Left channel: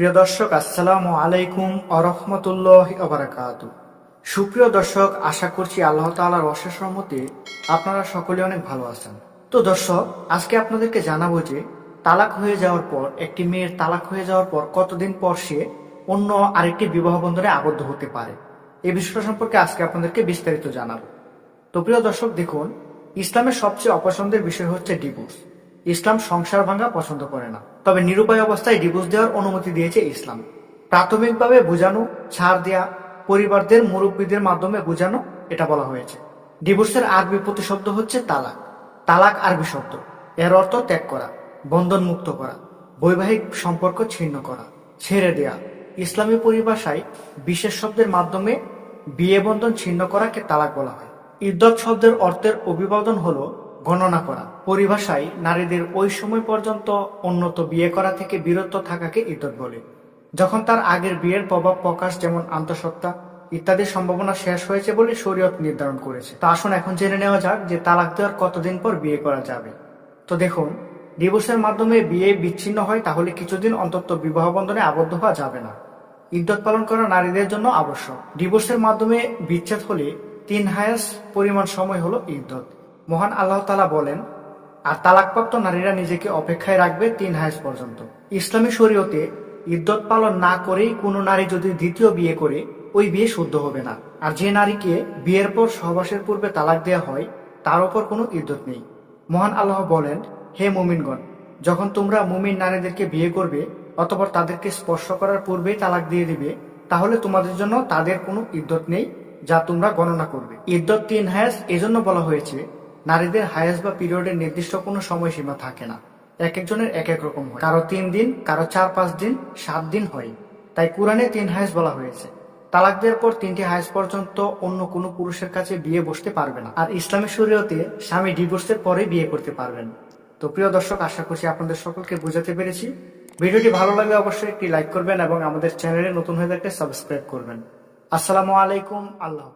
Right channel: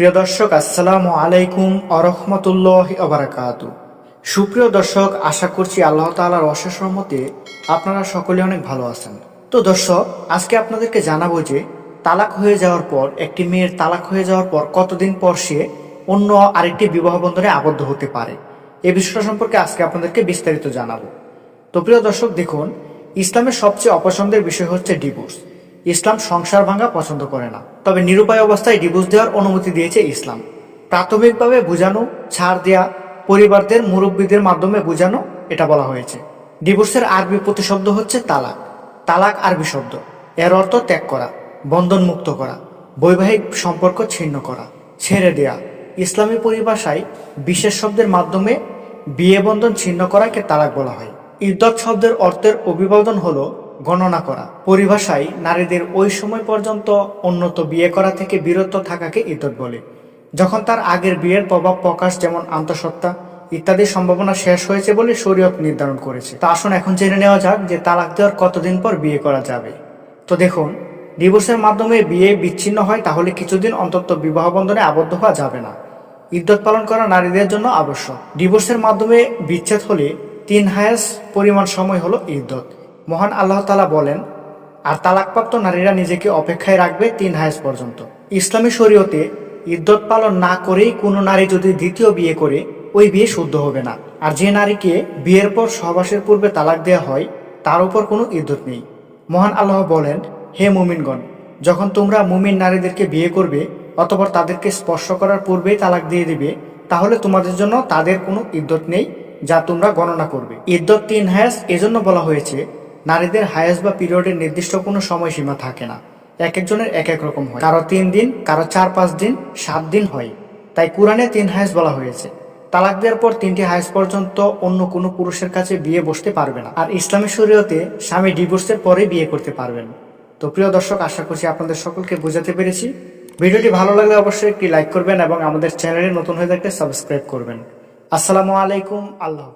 প্রিয় দর্শক, আসসালামু আলাইকুম আরহামতুল্লাহ আবরাকাত সুপ্রিয় দর্শক, আশা করছি আল্লাহ তাআলার অশেষ রহমতে আপনারা সকলে অনেক ভালো আছেন। তো দর্শক, আজকে আপনাদেরকে জানাব যে তালাক হয়ে যাওয়ার পর, একটি মেয়ের তালাক হয়ে যাওয়ার পর কতদিন পর সে অন্য আরেকটি বিবাহ বন্ধনে আবদ্ধ হতে পারে, এ বিষয়টা সম্পর্কে আজকে আপনাদেরকে বিস্তারিত জানাব। তো প্রিয় দর্শক, দেখুন, ইসলামের সবচেয়ে অপছন্দের বিষয় হচ্ছে ডিভোর্স। ইসলাম সংসার ভাঙা পছন্দ করে না। তবে নিরুপায় অবস্থায় ডিভোর্স দেওয়ার অনুমতি দিয়েছে ইসলাম। প্রাথমিকভাবে বোঝানো, ছাড় দেয়া, পরিবারদের মুরব্বীদের মাধ্যমে বোঝানো এটা বলা হয়েছে। ডিভোর্সের আরবি প্রতিশব্দ হচ্ছে তালাক। তালাক আরবি শব্দ। এর অর্থ ত্যাগ করা বন্ধন মুক্ত করা, বৈবাহিক সম্পর্ক ছিন্ন করা, ছেড়ে দেয়া। ইসলামী পরিভাষায় বিশেষ শব্দের মাধ্যমে বিয়ে বন্ধন ছিন্ন করাকে তালাক বলা হয়। ইদ্যত শব্দের অর্থের অভিবাদন হলো গণনা করা। পরিভাষায় নারীদের ওই সময় পর্যন্ত উন্নত বিয়ে করা থেকে বিরত থাকাকে ইদ্যত বলে। যখন তার আগের বিয়ের প্রভাব প্রকাশ যেমন আন্তঃসত্ত্বা ইত্যাদি সম্ভাবনা শেষ হয়েছে বলে শরীয়ত নির্ধারণ করেছে। তা আসুন এখন জেনে নেওয়া যাক যে তালাক দেওয়ার কতদিন পর বিয়ে করা যাবে। তো দেখুন, ডিভোর্সের মাধ্যমে বিয়ে বিচ্ছিন্ন হয় তাহলে কিছুদিন অন্তত বিবাহ বন্ধনে আবদ্ধ হওয়া যাবে না। ইদ্যত পালন করা নারীদের জন্য আবশ্যক। ডিভোর্সের মাধ্যমে বিচ্ছেদ হলে তিন হায়াস পরিমাণ সময় হলো ইদ্যত মহান আল্লাহ তালা বলেন, আর তালাকপ্রাপ্ত নারীরা নিজেকে অপেক্ষায় রাখবে তিন হায়াস পর্যন্ত। ইসলামী শরীয়তে ইদ্যত পালন না করেই কোনো নারী যদি দ্বিতীয় বিয়ে করে, ওই বিয়ে শুদ্ধ হবে না। আর যে নারীকে বিয়ের পর সহবাসের পূর্বে তালাক দেওয়া হয়, তার উপর কোনো ইদ্যত নেই। মহান আল্লাহ বলেন, হে মুমিনগণ, যখন তোমরা মুমিন নারীদেরকে বিয়ে করবে অতপর তাদেরকে স্পর্শ করার পূর্বেই তালাক দিয়ে দিবে, তাহলে তোমাদের জন্য তাদের কোনো ইদ্যত নেই যা তোমরা গণনা করবে। ইদ্যত তিন হায়াস এজন্য বলা হয়েছে নারীদের হায়াস বা পিরিয়ডের নির্দিষ্ট কোনো সময়সীমা থাকে না। এক একজনের এক এক রকম হয়। কারও তিন দিন, কারও চার পাঁচ দিন, সাত দিন হয়। তাই কোরআনে তিন হায়াস বলা হয়েছে। তালাক দেওয়ার পর তিনটি হায়াস পর্যন্ত অন্য কোনো পুরুষের কাছে বিয়ে বসতে পারবে না। আর ইসলামী শরীয়তে স্বামী ডিভোর্সের পরে বিয়ে করতে পারবেন। তো প্রিয় দর্শক, আশা করছি আপনাদের সকলকে বোঝাতে পেরেছি। ভিডিওটি ভালো লাগলে অবশ্যই একটি লাইক করবেন এবং আমাদের চ্যানেলে নতুন হয়ে থাকলে সাবস্ক্রাইব করবেন। আসসালামু আলাইকুম, আল্লাহ